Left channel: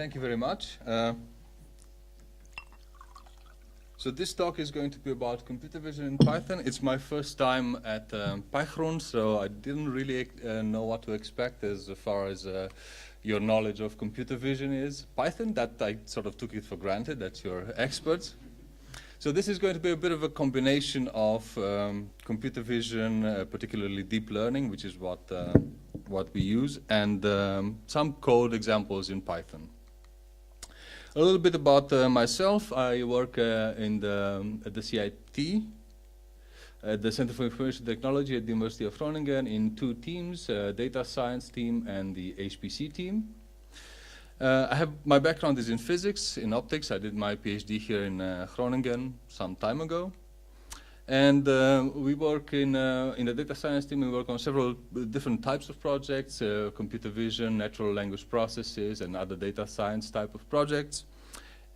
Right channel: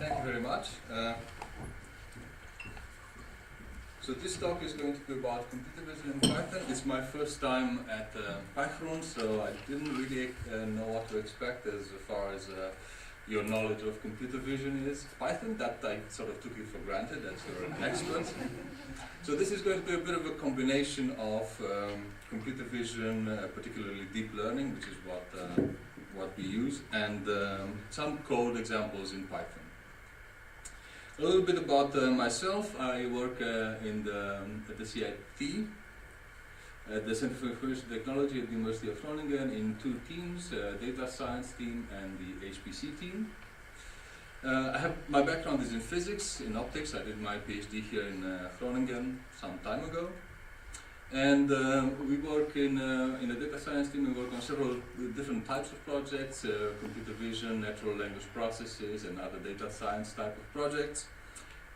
Thank you very much. So this talk is going to be about computer vision in Python. It's my first time at Pygrunn, so I didn't really know what to expect as far as your knowledge of computer vision is. Python, that I sort of took it for granted, that's your experts. So this is going to be a bit of a combination of computer vision, particularly deep learning, which is what we use, and some code examples in Python. A little bit about myself. I work at the CIT, at the Center for Information Technology at the University of Groningen, in two teams, data science team and the HPC team. My background is in physics, in optics. I did my PhD here in Groningen some time ago. And we work in the data science team. We work on several different types of projects, computer vision, natural language processes, and other data science type of projects.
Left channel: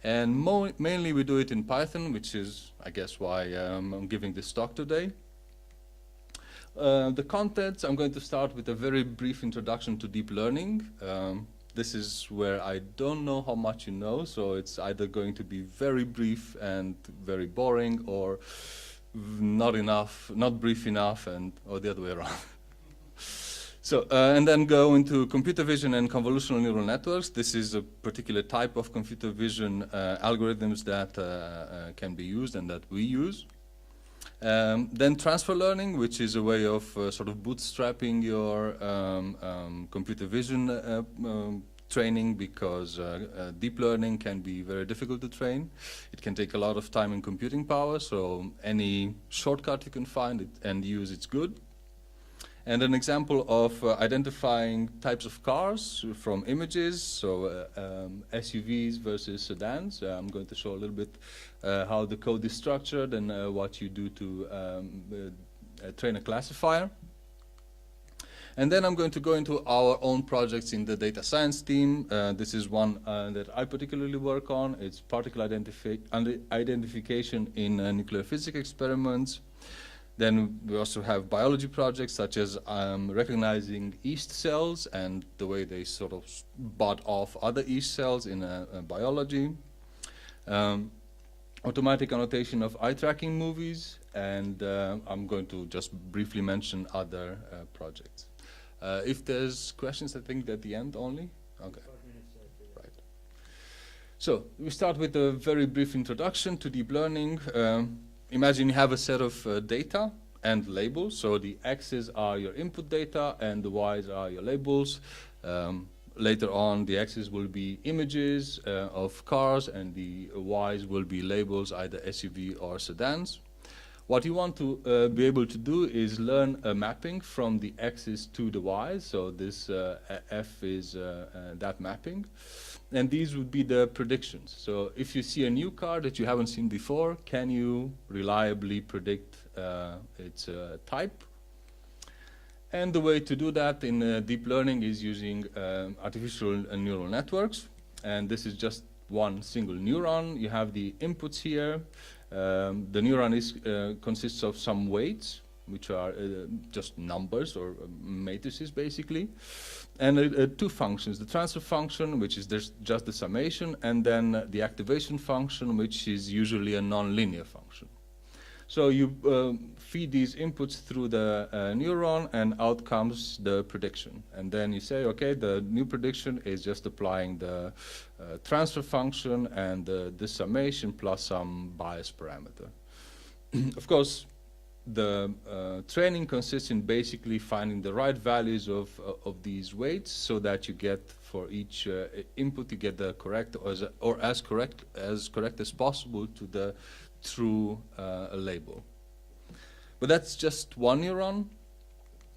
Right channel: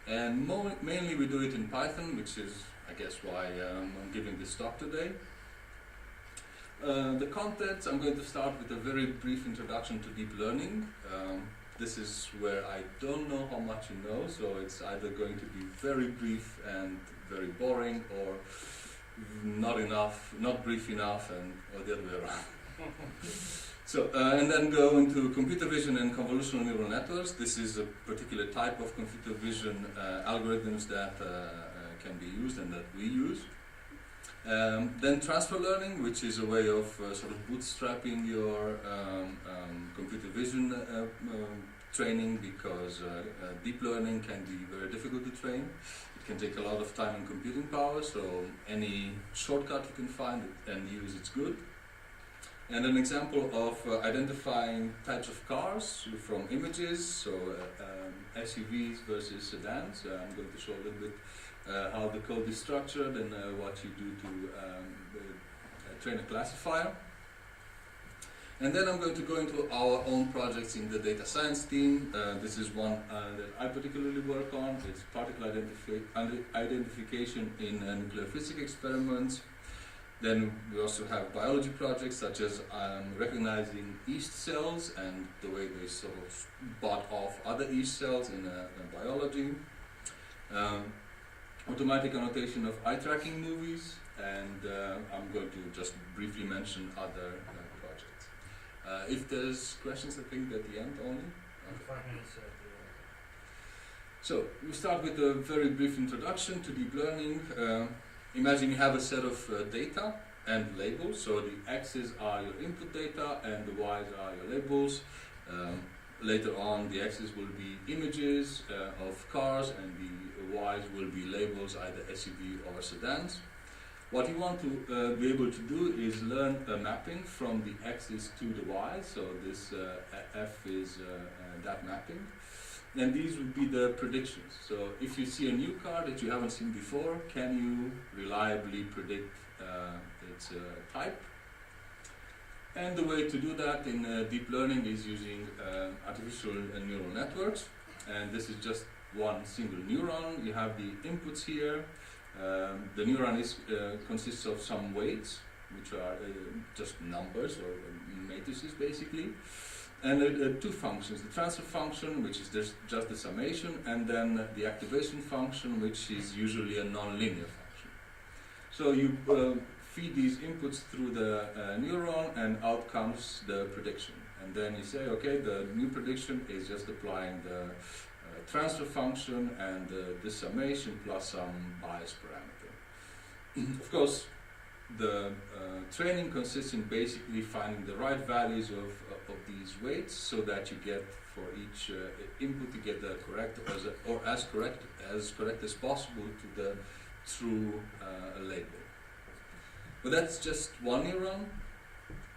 And mainly we do it in Python, which is, I guess, why I'm giving this talk today. The contents, I'm going to start with a very brief introduction to deep learning. This is where I don't know how much you know, so it's either going to be very brief and very boring, or not brief enough, or the other way around. So, and then go into computer vision and convolutional neural networks. This is a particular type of computer vision algorithms that can be used and that we use. Then transfer learning, which is a way of sort of bootstrapping your computer vision training, because deep learning can be very difficult to train. It can take a lot of time and computing power, so any shortcut you can find and use, it's good. And an example of identifying types of cars from images, so SUVs versus sedans. I'm going to show a little bit how the code is structured and what you do to train a classifier. And then I'm going to go into our own projects in the data science team. This is one that I particularly work on. It's particle identification in nuclear physics experiments. Then we also have biology projects, such as recognizing yeast cells and the way they sort of bought off other yeast cells in biology. Automatic annotation of eye tracking movies, and I'm going to just briefly mention other projects. If there's questions, I think at the end only. Okay. 5 minutes. Right. So we start with a very brief introduction to deep learning. Imagine you have a set of data and labels. So the x's are your input data and the y's are your labels. Later on, the x's will be images of cars and the y's will be labels, either SUV or sedans. What you want to be able to do is learn a mapping from the x's to the y's. So this f is that mapping. And these would be the predictions. So if you see a new car that you haven't seen before, can you reliably predict its type? And the way to do that in deep learning is using artificial neural networks. And this is just one single neuron. You have the inputs here. The neuron consists of some weights, which are just numbers or matrices, basically. And two functions, the transfer function, which is just the summation, and then the activation function, which is usually a non-linear function. So you feed these inputs through the neuron, and out comes the prediction. And then you say, okay, the new prediction is just applying the transfer function and the summation plus some bias parameter. Of course, the training consists in basically finding the right values of these weights, so that you get for each input you get the correct or as correct as possible to the true label. But that's just one neuron.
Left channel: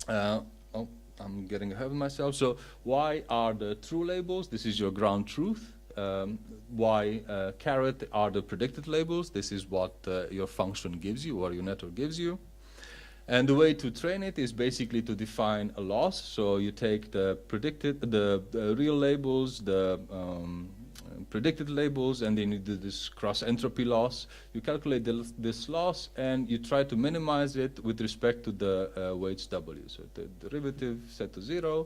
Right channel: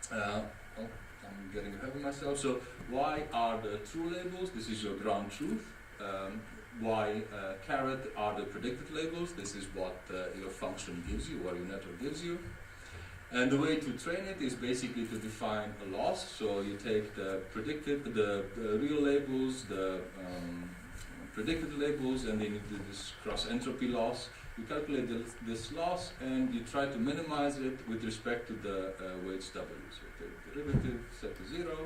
I'm getting ahead of myself. So why are the true labels? This is your ground truth. Why caret are the predicted labels. This is what your function gives you, or your network gives you. And the way to train it is basically to define a loss. So you take the real labels, the predicted labels, and then you do this cross entropy loss. You calculate this loss and you try to minimize it with respect to the weights W. So the derivative set to 0,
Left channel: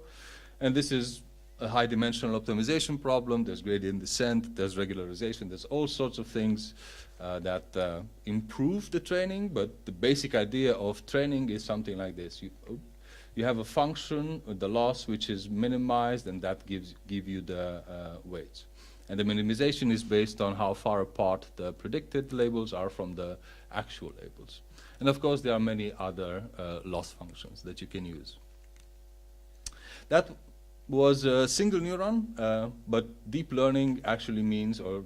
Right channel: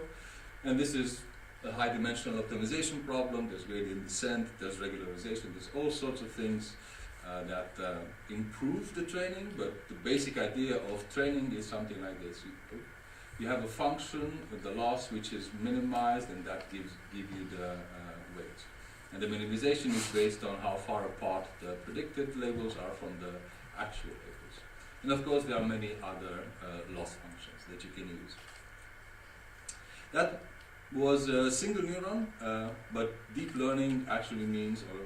and this is a high dimensional optimization problem, there's gradient descent, there's regularization, there's all sorts of things that improve the training, but the basic idea of training is something like this. You have a function, the loss, which is minimized, and that give you the weights. And the minimization is based on how far apart the predicted labels are from the actual labels. And of course, there are many other loss functions that you can use. That was a single neuron, but deep learning actually means, or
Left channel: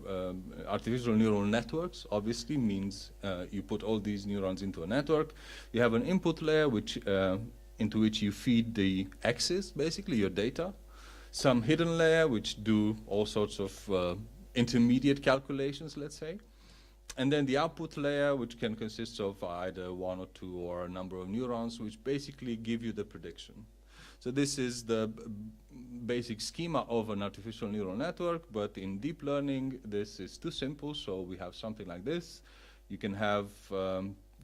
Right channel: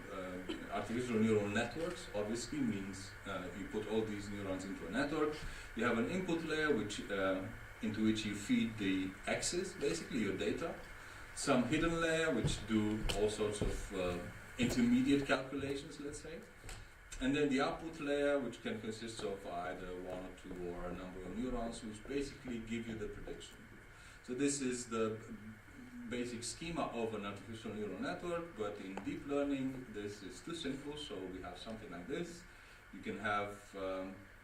artificial neural networks obviously means you put all these neurons into a network. You have an input layer which into which you feed the axes, basically your data. Some hidden layer which do all sorts of intermediate calculations, let's say. And then the output layer, which can consist of either one or two or a number of neurons, which basically give you the prediction. So this is the basic schema of an artificial neural network, but in deep learning this is too simple, so we have something like this. You can have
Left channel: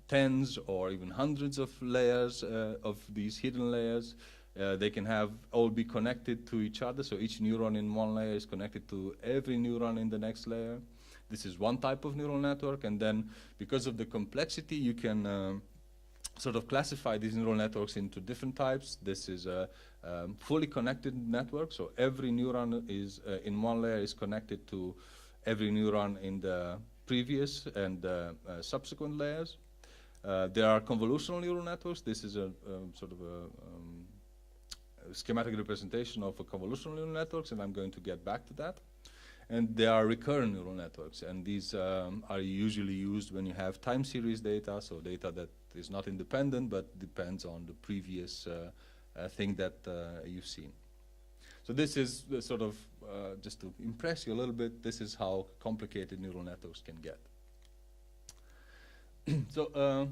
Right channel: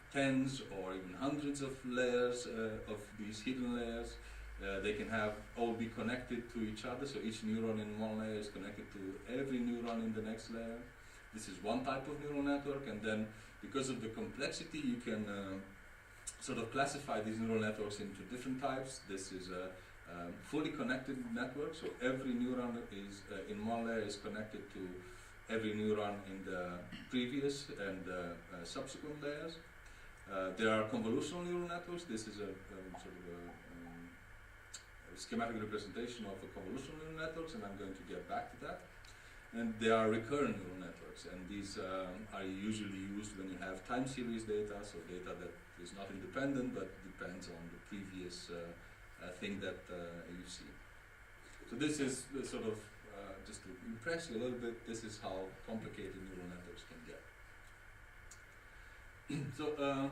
tens or even hundreds of layers of these hidden layers. They can all be connected to each other, so each neuron in one layer is connected to every neuron in the next layer. This is one type of neural network, and then because of the complexity you can sort of classify these neural networks into different types. This is a fully connected network, so every neuron is in one layer is connected to every neuron in the previous and subsequent layers. There are convolutional neural networks. This is a sort of a schematic representation of a convolutional neural networks, and I'm going to get back to that. And there are recurrent neural networks, and these are usually used when you have time series data, so data that is not independent but depends on the previous thing that you've seen. So this is the sort of, just to impress you a little bit, this is how complicated neural networks can get. So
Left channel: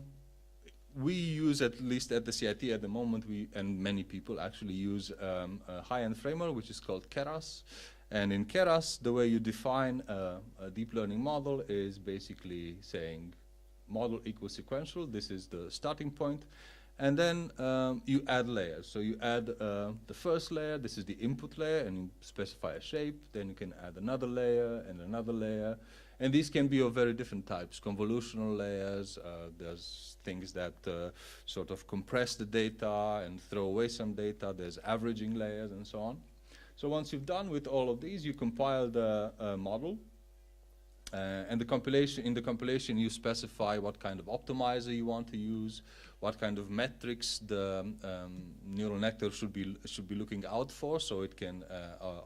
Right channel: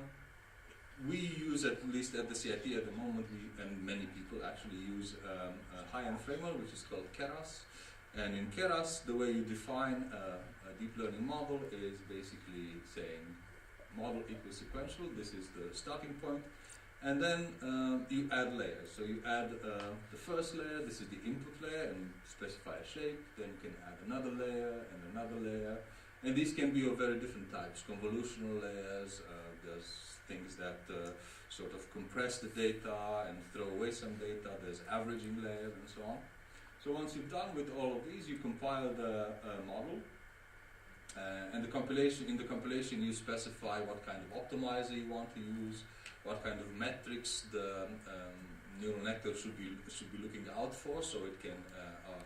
we use, at least at the CIT at the moment, and many people actually use a high-end framework which is called Keras. And in Keras, the way you define a deep learning model is basically saying model equals sequential. This is the starting point. And then you add layers. So you add the first layer, this is the input layer, and you specify a shape. Then you can add another layer and another layer. And these can be of very different types. Convolutional layers, there's things that sort of compress the data and throw away some data. There's averaging layers and so on. So once you've done with all of these, you compile the model. And in the compilation you specify what kind of optimizer you want to use, what kind of metrics the neural network should be looking out for, so it can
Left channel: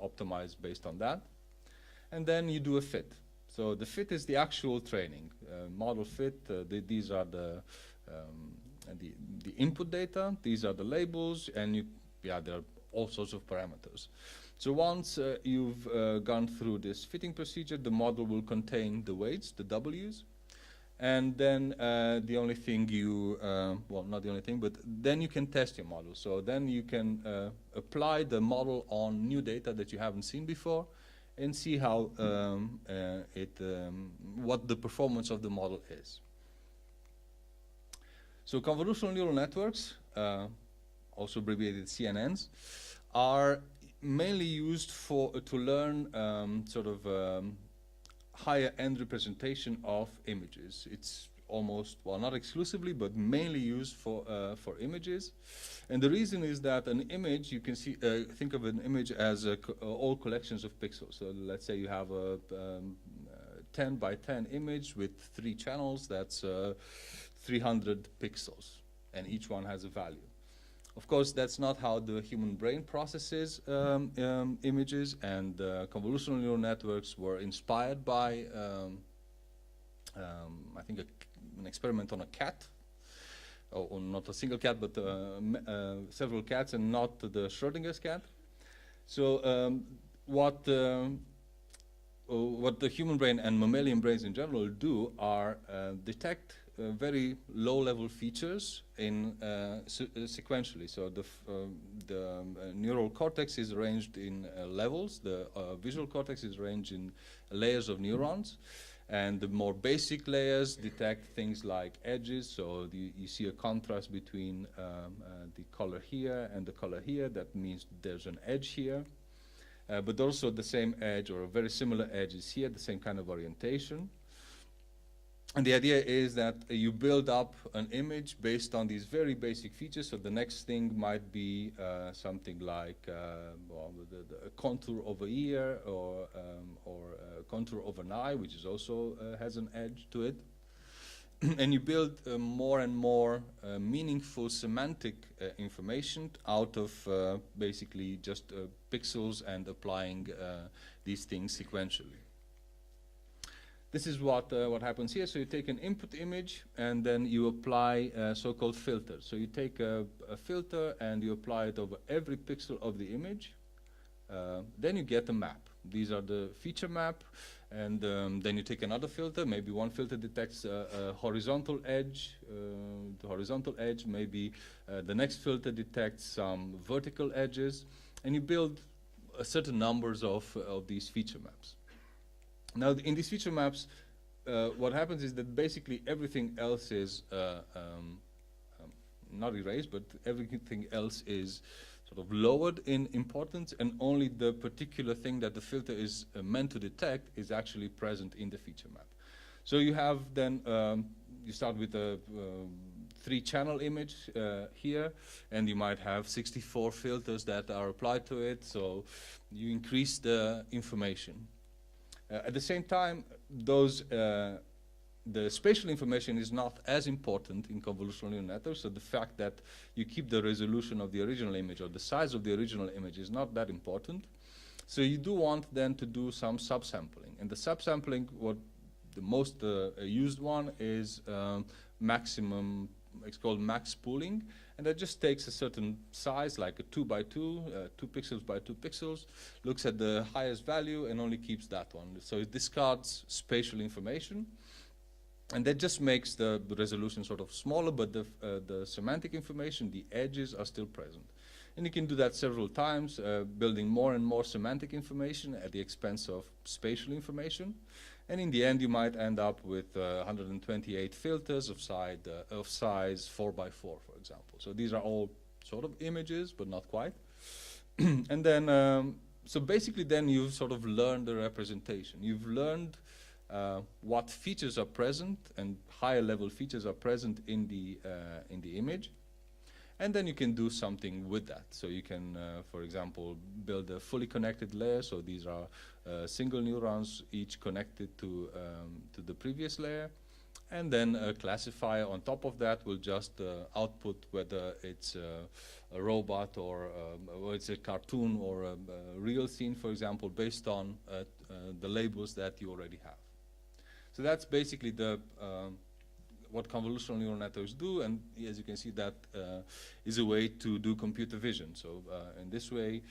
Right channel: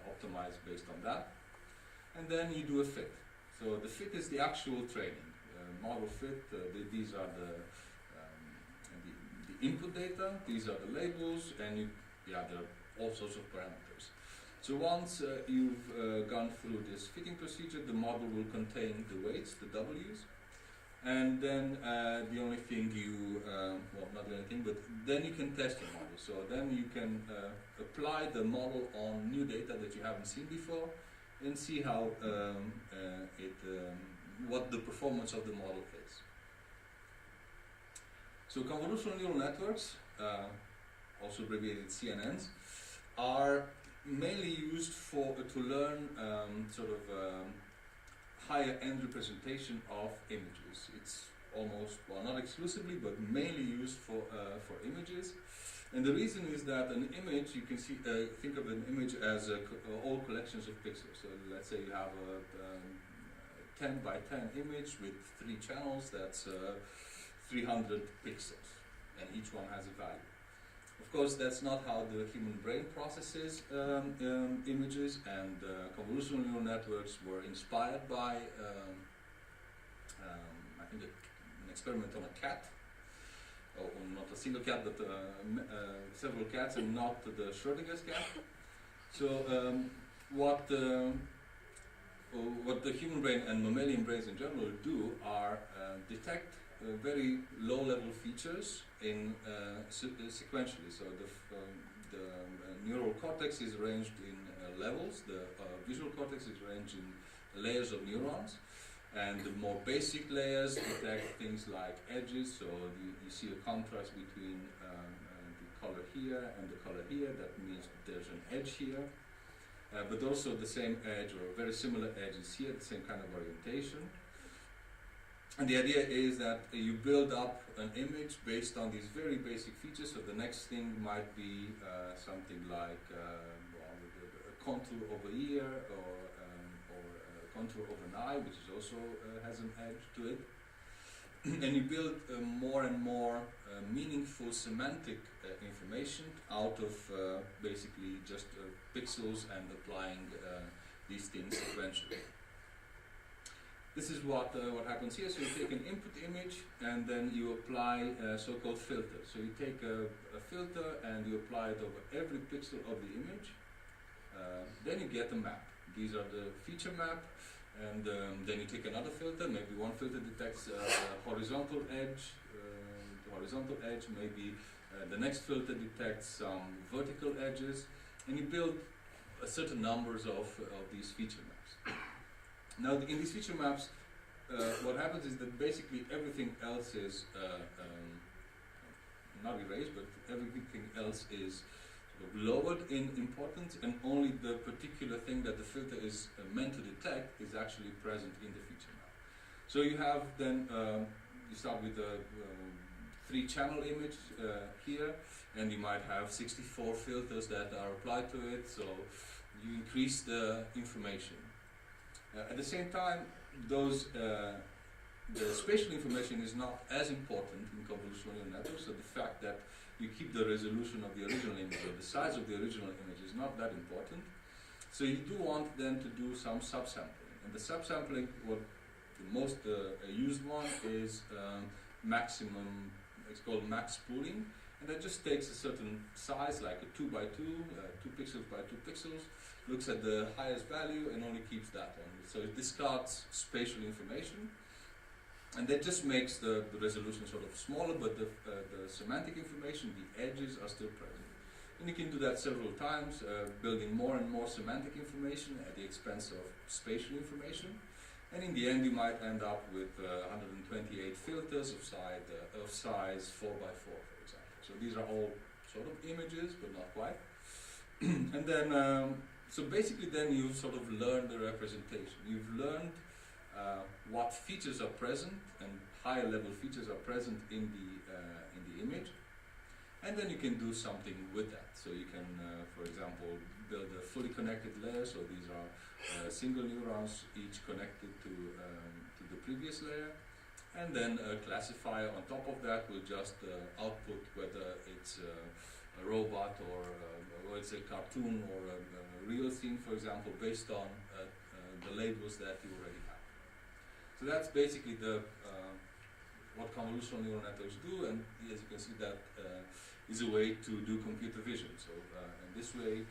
optimize based on that. And then you do a fit. So the fit is the actual training. Model fit, these are the input data, these are the labels, and there are all sorts of parameters. So once you've gone through this fitting procedure, the model will contain the weights, the W's, and then the only thing well, not the only thing, but then you can test your model. So then you can apply the model on new data that you haven't seen before and see how what the performance of the model is. So convolutional neural networks, also abbreviated CNNs, are mainly used to learn sort of higher end representation of images. It's almost, well, not exclusively, but mainly used for images. And the reason is that an image, you can see, think of an image as all collections of pixels. So let's say you have a 10 by 10 image with 3 channels, that's 300 pixels, and each one has a value. Of course, that's not how the human brain processes images, and convolutional neural networks were inspired by, I think, an experiment on a cat, or not a single cat, but several cats, and not the Schrodinger's cat. So what the human brain and mammalian brains in general do are detect very low-level features in sequentially. So the neural cortex is arranged in levels. The visual cortex is arranged in layers of neurons, and the more basic layers detect things like edges. So you see a contrast between the color here and the color here. That means there's an edge here. but also the same edge or a very similar edge is here, the same kind of orientation. And the idea is that you build up an image based on these very basic features. So the next thing might be something like a contour of a ear, or a contour of an eye, which is also has an edge to it. And you build more and more meaningful semantic information out of basically just pixels and applying these things sequentially. This is what happens here. So you take an input image and then you apply so-called filters. So you take a filter and you apply it over every pixel of the image. Then you get a map. These are the feature map. And then you take another filter. Maybe one filter detects a horizontal edge, maybe the next filter detects some vertical edges, and you build a certain numbers of these feature maps. Now in these feature maps, what happens is that basically everything else is not erased, but everything else is sort of lowered in importance, and only the particular thing that the filter is meant to detect is actually present in the feature map. So you have then, you start with a 3-channel image here, and you might have 64 filters that are applied to it, so you increase the information. At the same time, the spatial information is not as important in convolutional neural networks, so the fact that you keep the resolution of the original image or the size of the original image is not that important. So you do want then to do some subsampling. And the subsampling, what the most used one is maximum, it's called max pooling, and that just takes a certain size, like a 2 by 2, 2 pixels by 2 pixels, looks at the highest value and only keeps that one. So it discards spatial information, and that just makes the resolution sort of smaller, but the semantic information, the edges are still present. And you can do that several times, building more and more semantic information at the expense of spatial information. And in the end, you might end up with 128 filters of size 4 by 4, for example. So these are all sort of images, but not quite. And then, so basically then you sort of learn the representation. You've learned what features are present, and higher level features are present in the image. And then you can do something with that. So you can, for example, build a fully connected layer. So these are single neurons, each connected to the previous layer. And then a classifier on top of that will just output whether it's a robot or it's a cartoon or a real scene, for example, based on the labels that you already have. So that's basically what convolutional neural networks do, and as you can see, that is a way to do computer vision. So in this way,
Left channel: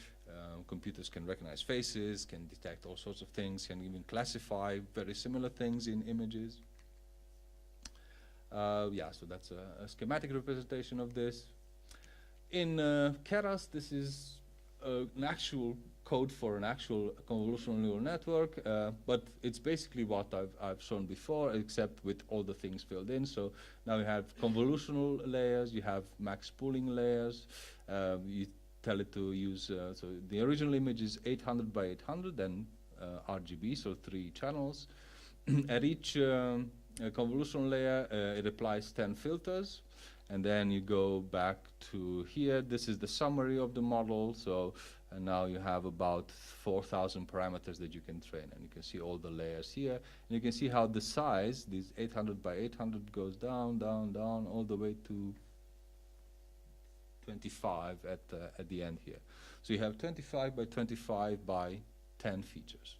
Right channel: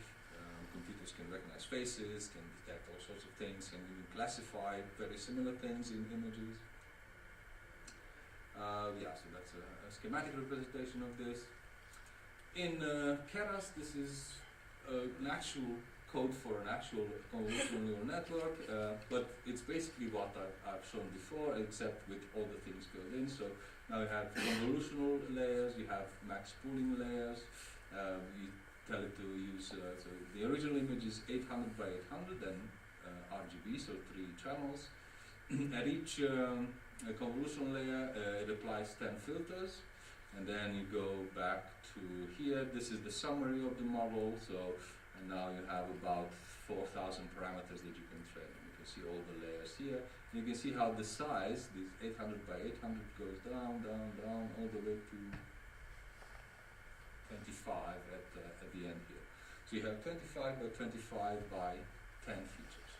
computers can recognize faces, can detect all sorts of things, can even classify very similar things in images. Yeah, so that's a schematic representation of this. In Keras, this is an actual code for an actual convolutional neural network, but it's basically what I've shown before, except with all the things filled in. So now you have convolutional layers, you have max pooling layers, you tell it to use, so the original image is 800 by 800 and RGB, so 3 channels. At each convolutional layer, it applies 10 filters, and then you go back to here. This is the summary of the model. So and now you have about 4,000 parameters that you can train, and you can see all the layers here. And you can see how the size, this 800 by 800, goes down, down, down, all the way to 25 at the end here. So you have 25 by 25 by 10 features.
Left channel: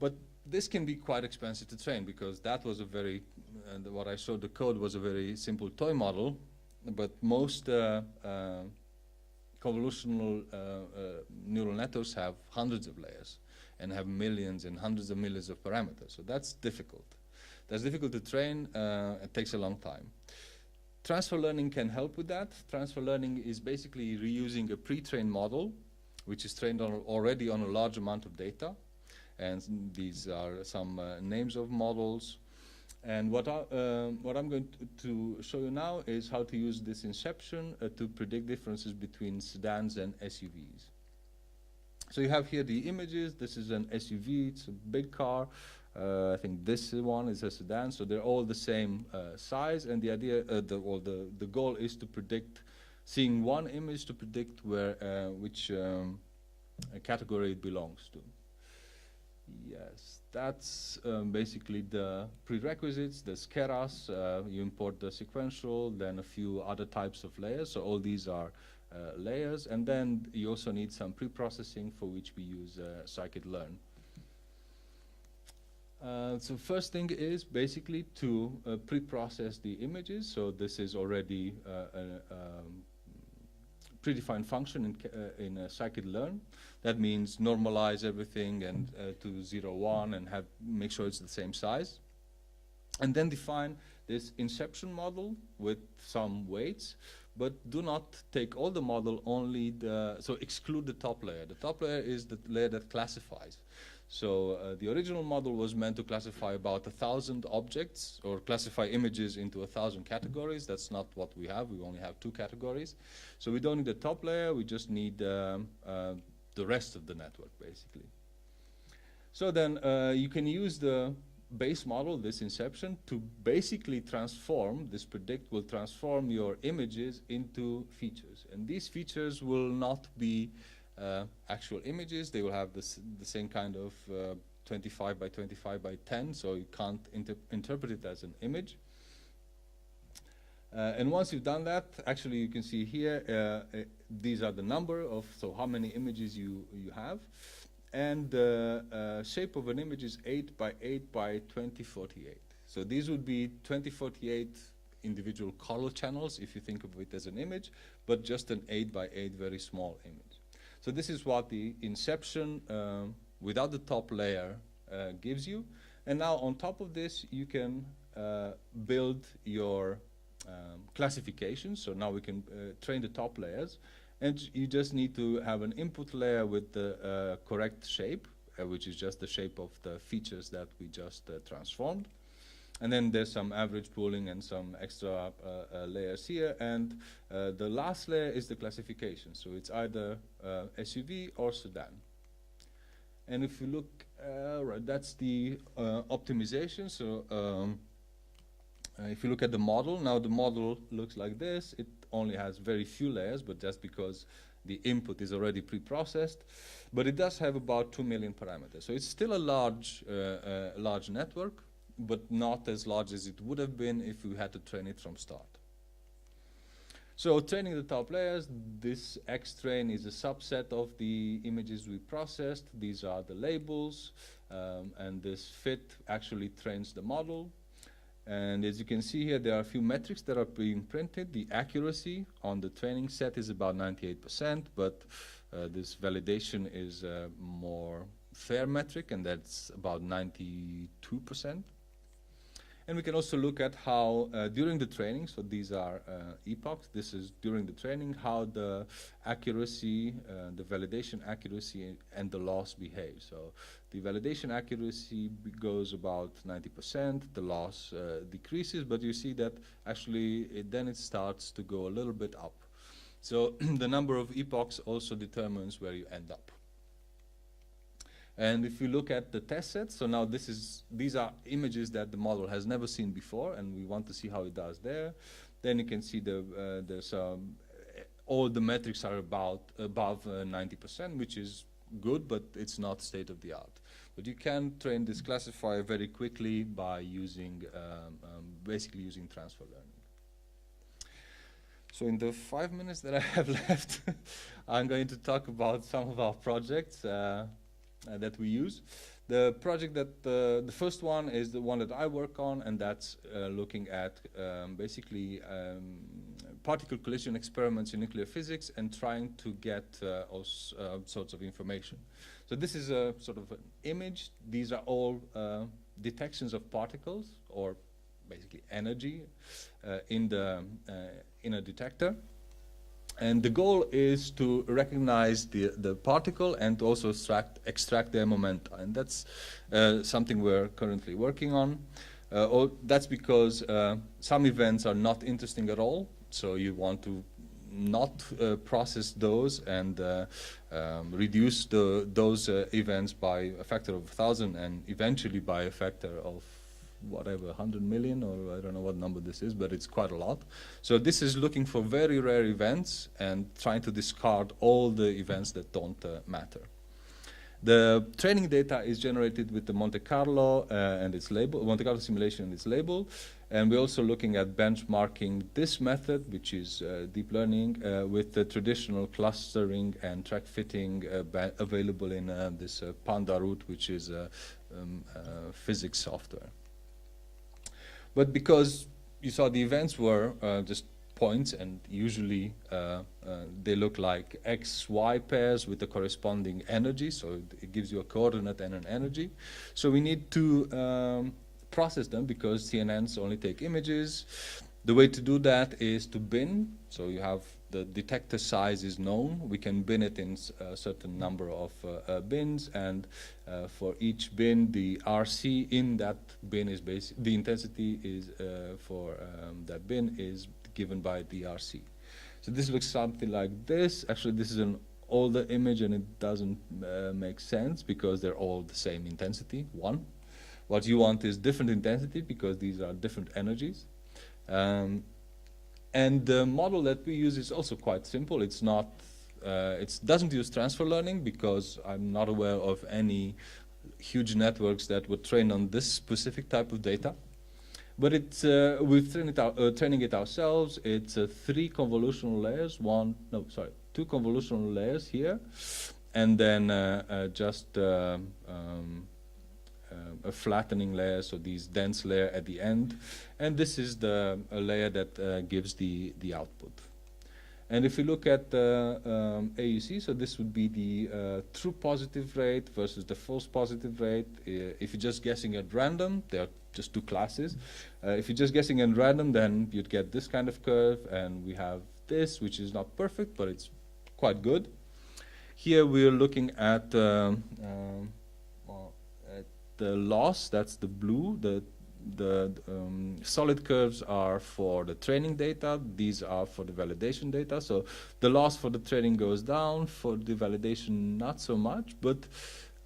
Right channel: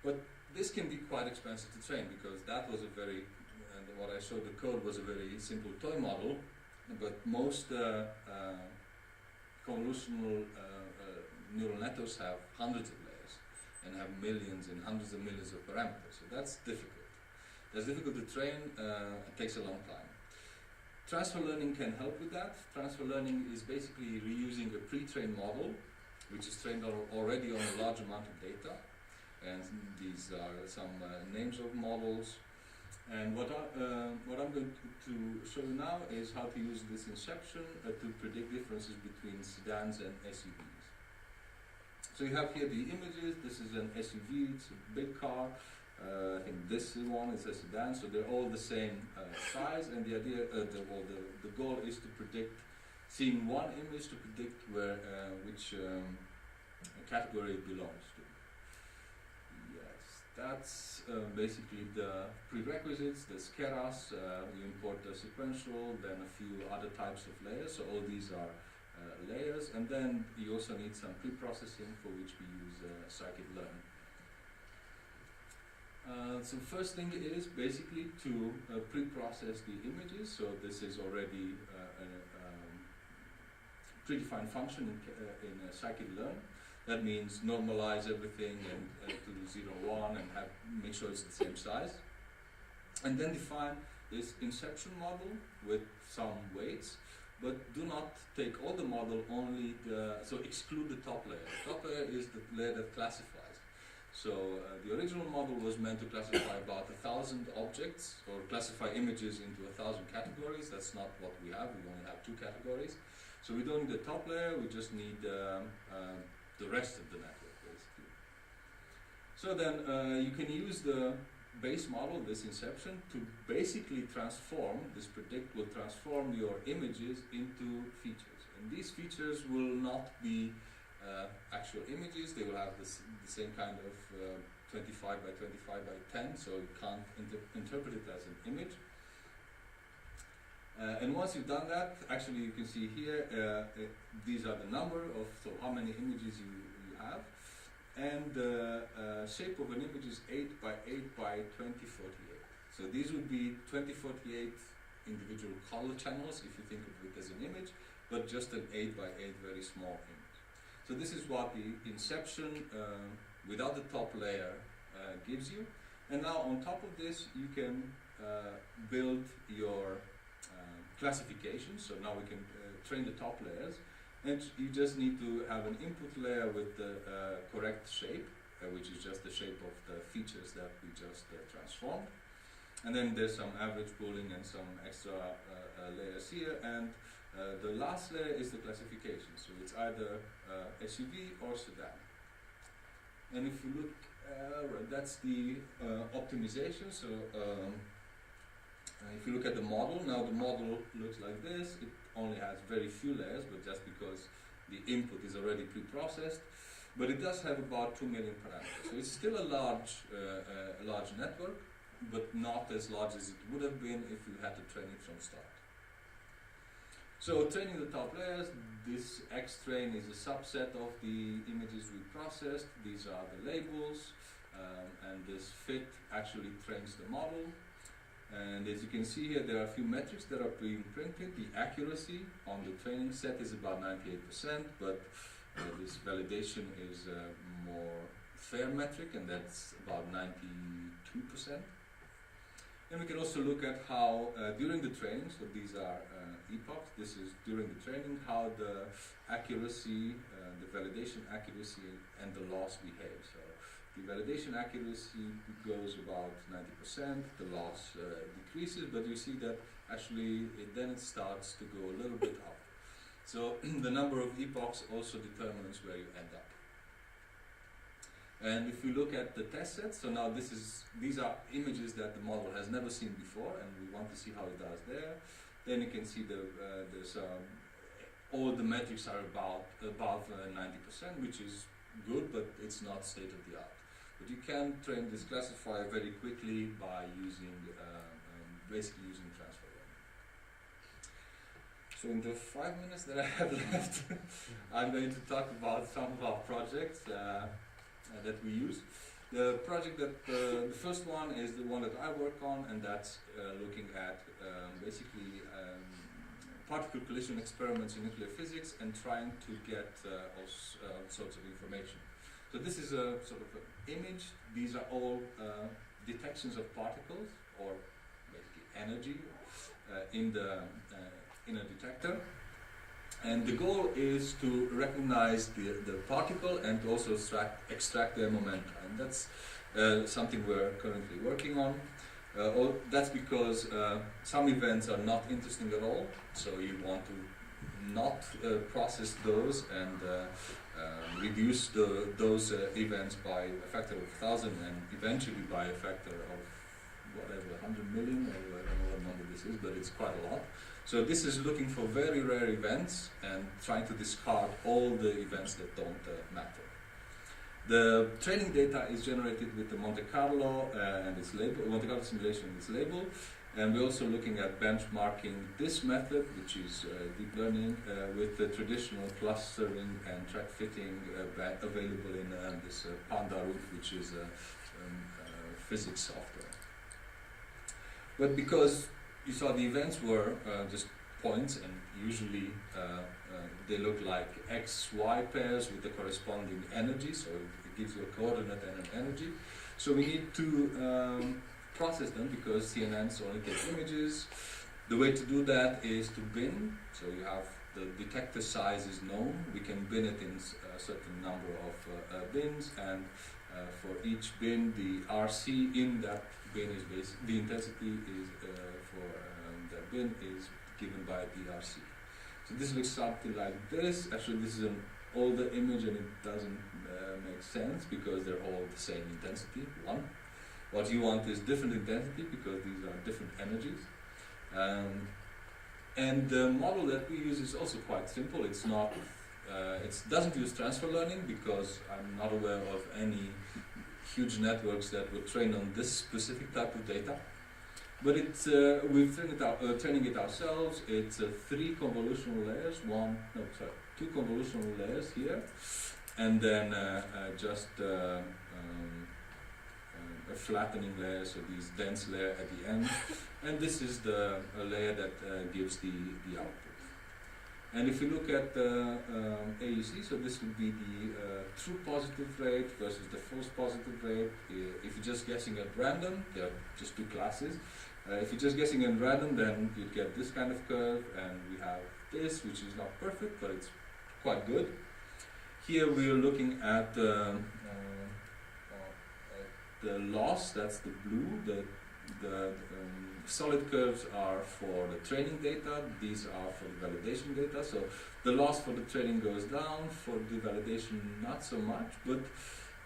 But this can be quite expensive to train, because that was a very, and what I showed the code was a very simple toy model, but most convolutional neural networks have hundreds of layers and have millions and hundreds of millions of parameters. So that's difficult. That's difficult to train. It takes a long time. Transfer learning can help with that. Transfer learning is basically reusing a pre-trained model, which is trained already on a large amount of data. And these are some names of models. And what I'm going to show you now is how to use this Inception to predict differences between sedans and SUVs. So you have here the images. This is an SUV, it's a big car. I think this one is a sedan, so they're all the same size, and the idea, the goal is to predict, seeing one image to predict which category it belongs to. Yes, that's basically the prerequisites. There's keras, you import the sequential, then a few other types of layers, so all these are layers, and then you also need some pre-processing, for which we use scikit-learn. So first thing is basically to pre-process the images. So this is already a predefined function in scikit-learn. That means normalize everything and to 0, 1 and make sure it's the same size. And then define this Inception model with some weights, but do not take all the model, so exclude the top layer. The top layer is the layer that classifies. So the original model was meant to classify about 1,000 objects, or classify images into 1,000 categories. That's not what we have. We only have 2 categories. So we don't need the top layer. We just need the rest of the network, basically. So then you can use the base model, this Inception, to basically transform, this predict will transform your images into features. And these features will not be actual images. They will have the same kind of 25 by 25 by 10, so you can't interpret it as an image. And once you've done that, actually you can see here, these are the number of, so how many images you have. And the shape of an image is 8 by 8 by 2048. So these would be 2048 individual color channels, if you think of it as an image, but just an 8 by 8 very small image. So this is what the Inception without the top layer gives you. And now on top of this, you can build your classification. So now we can train the top layers. And you just need to have an input layer with the correct shape, which is just the shape of the features that we just transformed. And then there's some average pooling and some extra layers here. And the last layer is the classification. So it's either SUV or sedan. And if you look, right, that's the optimization. So if you look at the model, now the model looks like this. It only has very few layers, but that's because the input is already pre-processed. But it does have about 2 million parameters. So it's still a large network, but not as large as it would have been if we had to train it from start. So training the top layers, this X-train is a subset of the images we processed. These are the labels, and this fit actually trains the model. And as you can see here, there are a few metrics that are being printed. The accuracy on the training set is about 98%, but this validation is a more fair metric, and that's about 92%. And we can also look at how during the training, so these are epochs, this is during the training, how the accuracy, the validation accuracy and the loss behave. So the validation accuracy goes about 90%, the loss decreases, but you see that actually then it starts to go a little bit up. So the number of epochs also determines where you end up. And if you look at the test set, so now these are images that the model has never seen before, and we want to see how it does there. Then you can see there's all the metrics are above 90%, which is good, but it's not state of the art. But you can train this classifier very quickly by using basically using transfer learning. So in the 5 minutes that I have left, I'm going to talk about some of our projects that we use. The project that the first one is the one that I work on, and that's looking at basically particle collision experiments in nuclear physics and trying to get all sorts of information. So this is a sort of an image. These are all detections of particles, or basically energy, in a detector. And the goal is to recognize the particle and to also extract their momenta. And that's something we're currently working on. That's because some events are not interesting at all. So you want to not process those and reduce those events by a factor of 1,000 and eventually by a factor of whatever 100 million, or I don't know what number this is, but it's quite a lot. So this is looking for very rare events and trying to discard all the events that don't matter. The training data is generated with the Monte Carlo and its label, Monte Carlo simulation and its label. And we're also looking at benchmarking this method, which is deep learning, with the traditional clustering and track fitting available in this Panda route, which is physics software. But because you saw the events were just points, and usually they look like X-Y pairs with the corresponding energy, so it gives you a coordinate and an energy. So we need to process them because CNNs only take images. The way to do that is to bin. So you have the detector size is known. We can bin it in a certain number of bins, and for each bin, the RC in that bin is the intensity is for that bin is given by the RC. So this looks something like this. Actually, this is an older image, and it doesn't make sense because they're all the same intensity, 1. What you want is different intensity because these are different energies. And the model that we use is also quite simple. It's not, it doesn't use transfer learning because I'm not aware of any huge networks that would train on this specific type of data. But it's, we're training it ourselves. It's 3 convolutional layers, 2 convolutional layers here, and then just a flattening layer, so these dense layer at the end, and this is the layer that gives the output. And if you look at the AUC, so this would be the true positive rate versus the false positive rate. If you're just guessing at random, there are just 2 classes. If you're just guessing at random, then you'd get this kind of curve, and we have this, which is not perfect, but it's quite good. Here we're looking at the loss, that's the blue. The solid curves are for the training data, these are for the validation data. So the loss for the training goes down, for the validation not so much, but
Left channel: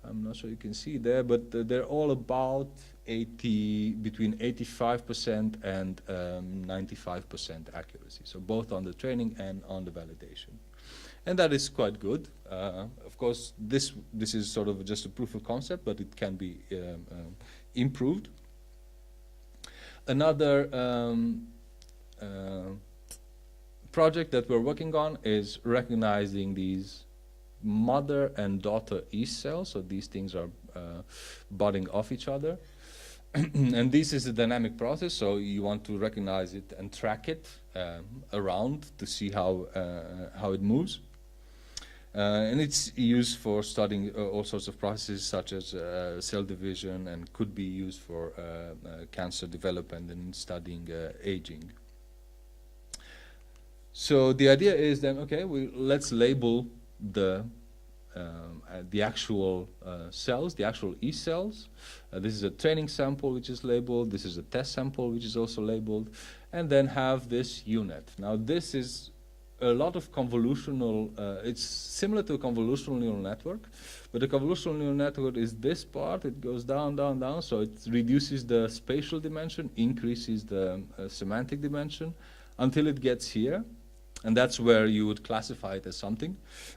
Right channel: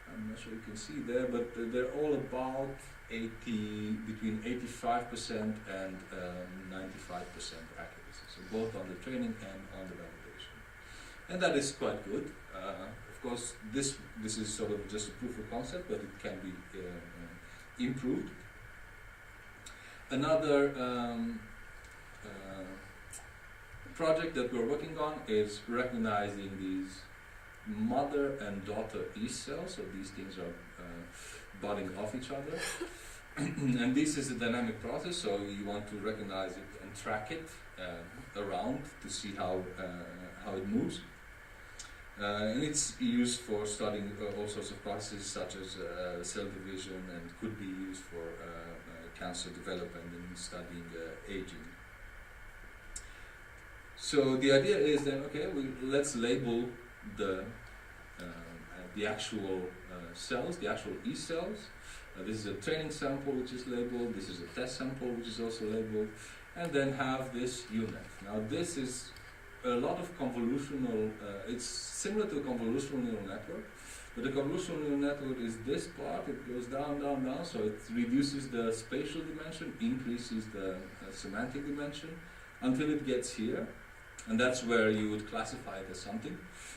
I'm not sure you can see there, but they're all about between 85% and 95% accuracy. So both on the training and on the validation. And that is quite good. Of course, this is sort of just a proof of concept, but it can be improved. Another project that we're working on is recognizing these mother and daughter yeast cells. So these things are budding off each other. And this is a dynamic process, so you want to recognize it and track it around to see how it moves. And it's used for studying all sorts of processes such as cell division, and could be used for cancer development and studying aging. So the idea is then, okay, let's label the actual cells, the actual E cells. This is a training sample which is labeled, this is a test sample which is also labeled, and then have this UNet. Now this is a lot of convolutional, it's similar to a convolutional neural network, but the convolutional neural network is this part, it goes down, down, down, so it reduces the spatial dimension, increases the semantic dimension, until it gets here, and that's where you would classify it as something.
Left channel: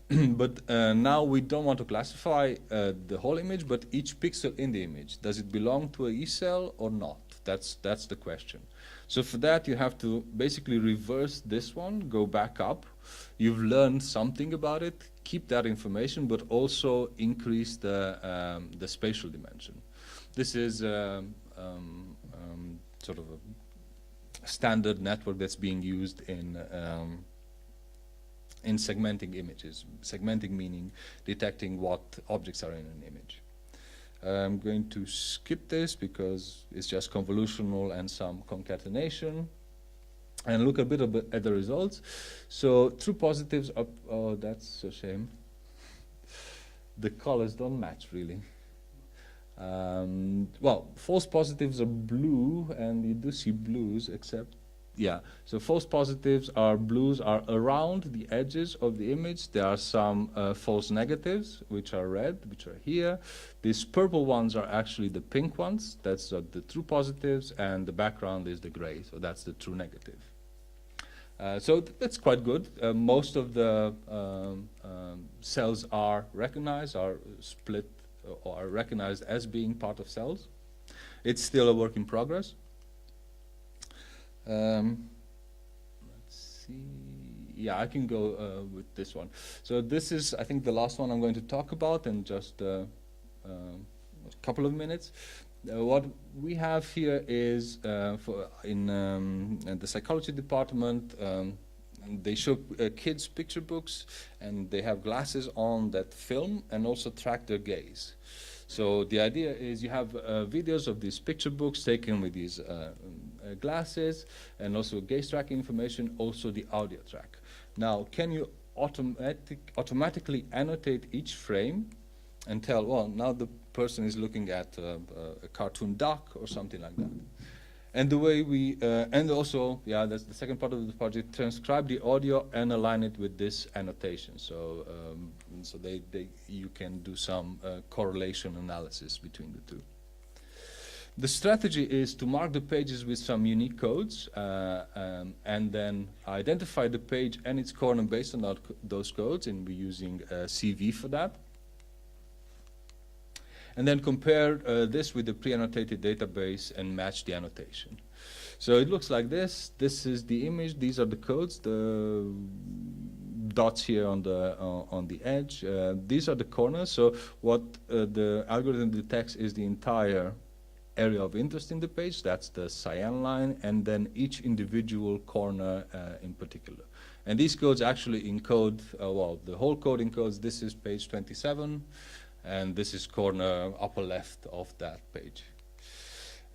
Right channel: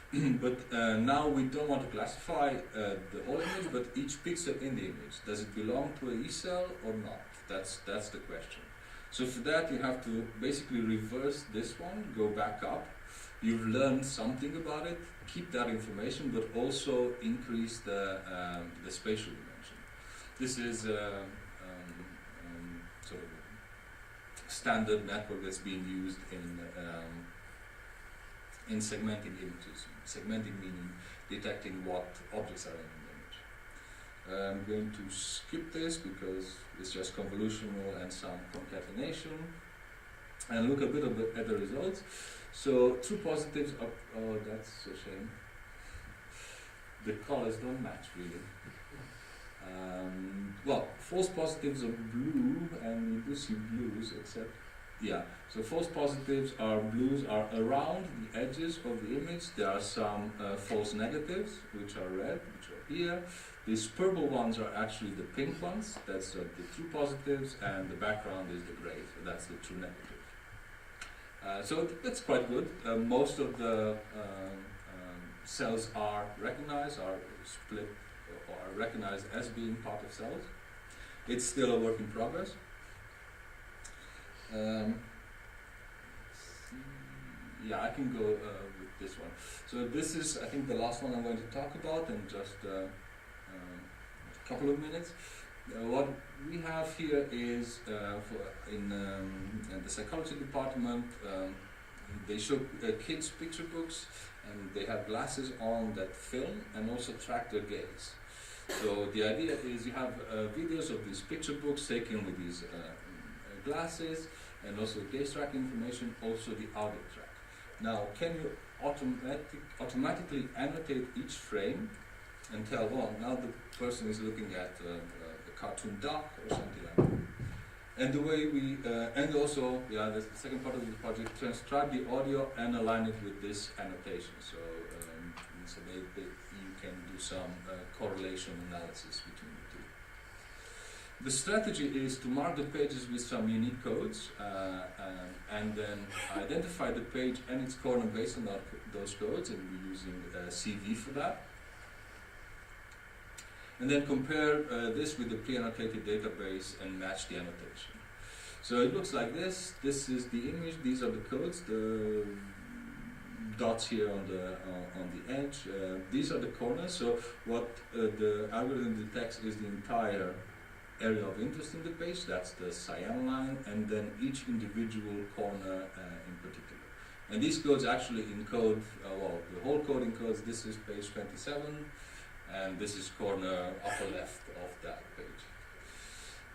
But now we don't want to classify the whole image, but each pixel in the image. Does it belong to a E cell or not? That's the question. So for that you have to basically reverse this one, go back up. You've learned something about it, keep that information, but also increase the spatial dimension. This is sort of a standard network that's being used in segmenting images. Segmenting meaning detecting what objects are in an image. I'm going to skip this because it's just convolutional and some concatenation, and look a bit at the results. So true positives are, oh, that's a shame. The colors don't match really. Well, false positives are blue, and we do see blues, except Yeah, so false positives are blues are around the edges of the image. There are some false negatives, which are red, which are here. These purple ones are actually the pink ones. That's the true positives, and the background is the gray, so that's the true negative. So that's quite good. Most of the cells are recognized, are split, or are recognized as being part of cells. It's still a work in progress. Let's see. Yeah, I can go with this one. So this is, I think, the last one I'm going to talk about in just a couple of minutes. What we have here is in the psychology department, they show kids picture books, and they have glasses on that film and also track their gaze. So the idea is you have videos of these picture books taken with these glasses, and also gaze tracking information, also the audio track. Now, can you automatically annotate each frame and tell, well, now the person is looking at a cartoon duck or something like that. And the way we, and also, yeah, that's the second part of the project, transcribe the audio and align it with this annotation. So, so you can do some correlation analysis between the two. The strategy is to mark the pages with some unique codes and then identify the page and its corner based on those codes, and we're using CV for that. And then compare this with the pre-annotated database and match the annotation. So it looks like this. This is the image. These are the codes. The dots here on the edge. These are the corners. So what the algorithm detects is the entire area of interest in the page. That's the cyan line, and then each individual corner in particular. And these codes actually encode. Well, the whole code encodes. This is page 27. And this is corner upper left of that page.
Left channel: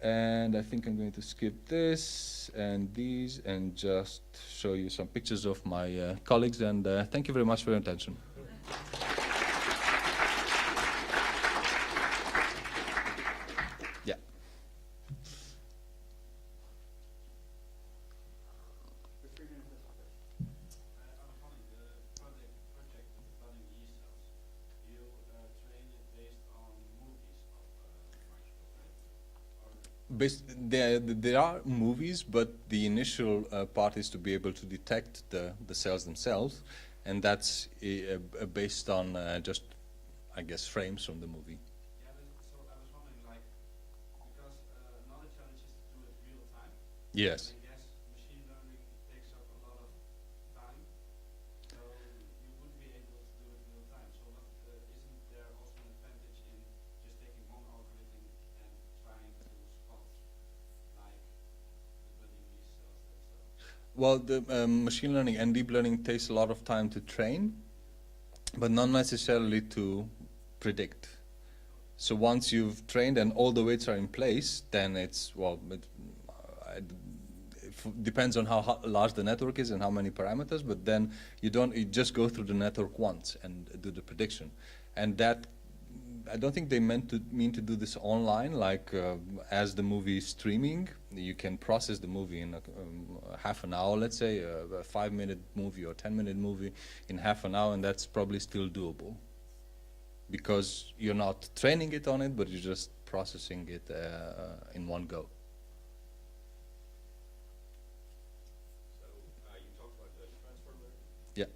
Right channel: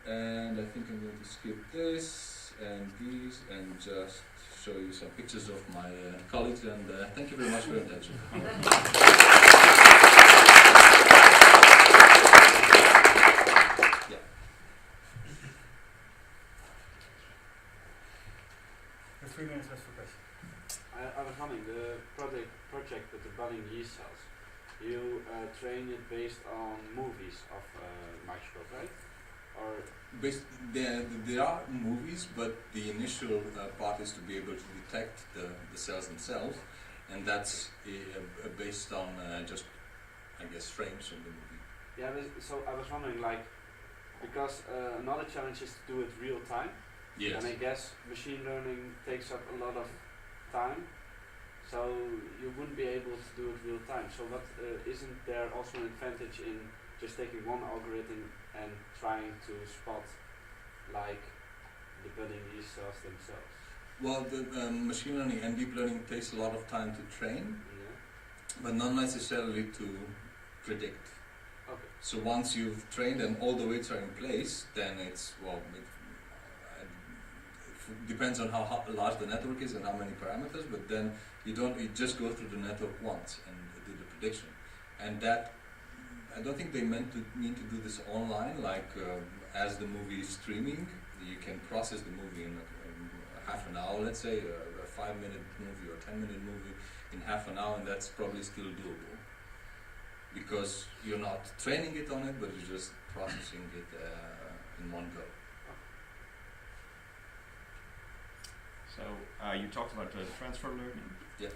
And I think I'm going to skip this and these and just show you some pictures of my colleagues, and thank you very much for your attention. Yeah. You have 3 minutes left for questions. I was wondering, the project with the budding yeast cells, you train it based on movies of microscope, right? Or there are movies, but the initial part is to be able to detect the cells themselves, and that's based on just, I guess, frames from the movie. Yeah, so I was wondering, like, because another challenge is to do it real time. Yes. And I guess machine learning takes up a lot of time. So you wouldn't be able to do it real time. So what isn't there also an advantage in just taking one algorithm and trying to spot like the budding yeast cells themselves? Well, the machine learning and deep learning takes a lot of time to train, but not necessarily to predict. Okay. So once you've trained and all the weights are in place, then it's, well, depends on how large the network is and how many parameters, but then you just go through the network once and do the prediction. And that, I don't think they mean to do this online, like as the movie is streaming, you can process the movie in half an hour, let's say, a 5-minute movie or 10-minute movie in half an hour, and that's probably still doable. Because you're not training it on it, but you're just processing it in one go. So you talked about transfer learning. Yeah.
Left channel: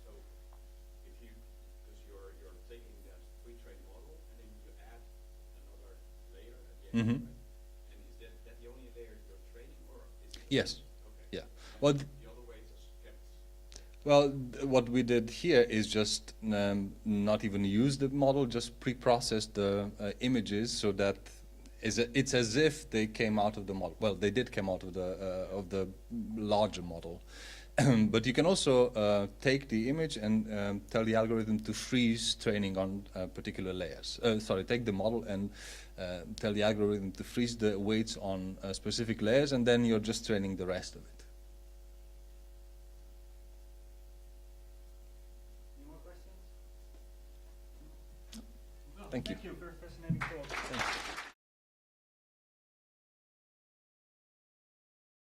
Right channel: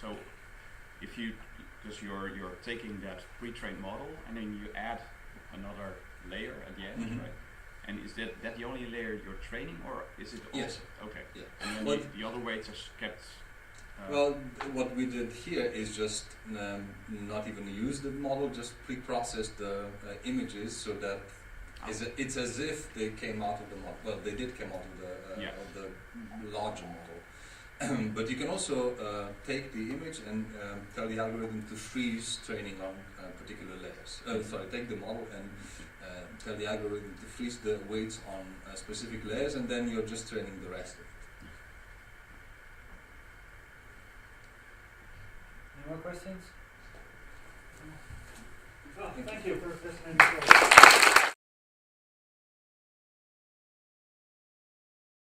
So if you, because you're taking that pre-trained model and then you add another layer at the end, Mm-hmm. right? And is that the only layer you're training, or is it? Yes. Okay. Yeah. And then Well, the other weights are kept. Well, what we did here is just not even use the model, just pre-process the images so that it's as if they came out of the model. Well, they did come out of the larger model. But you can also take the image and tell the algorithm to freeze training on particular layers. Take the model and tell the algorithm to freeze the weights on specific layers, and then you're just training the rest of it. Any more questions? Thank you. Thank you for a fascinating talk.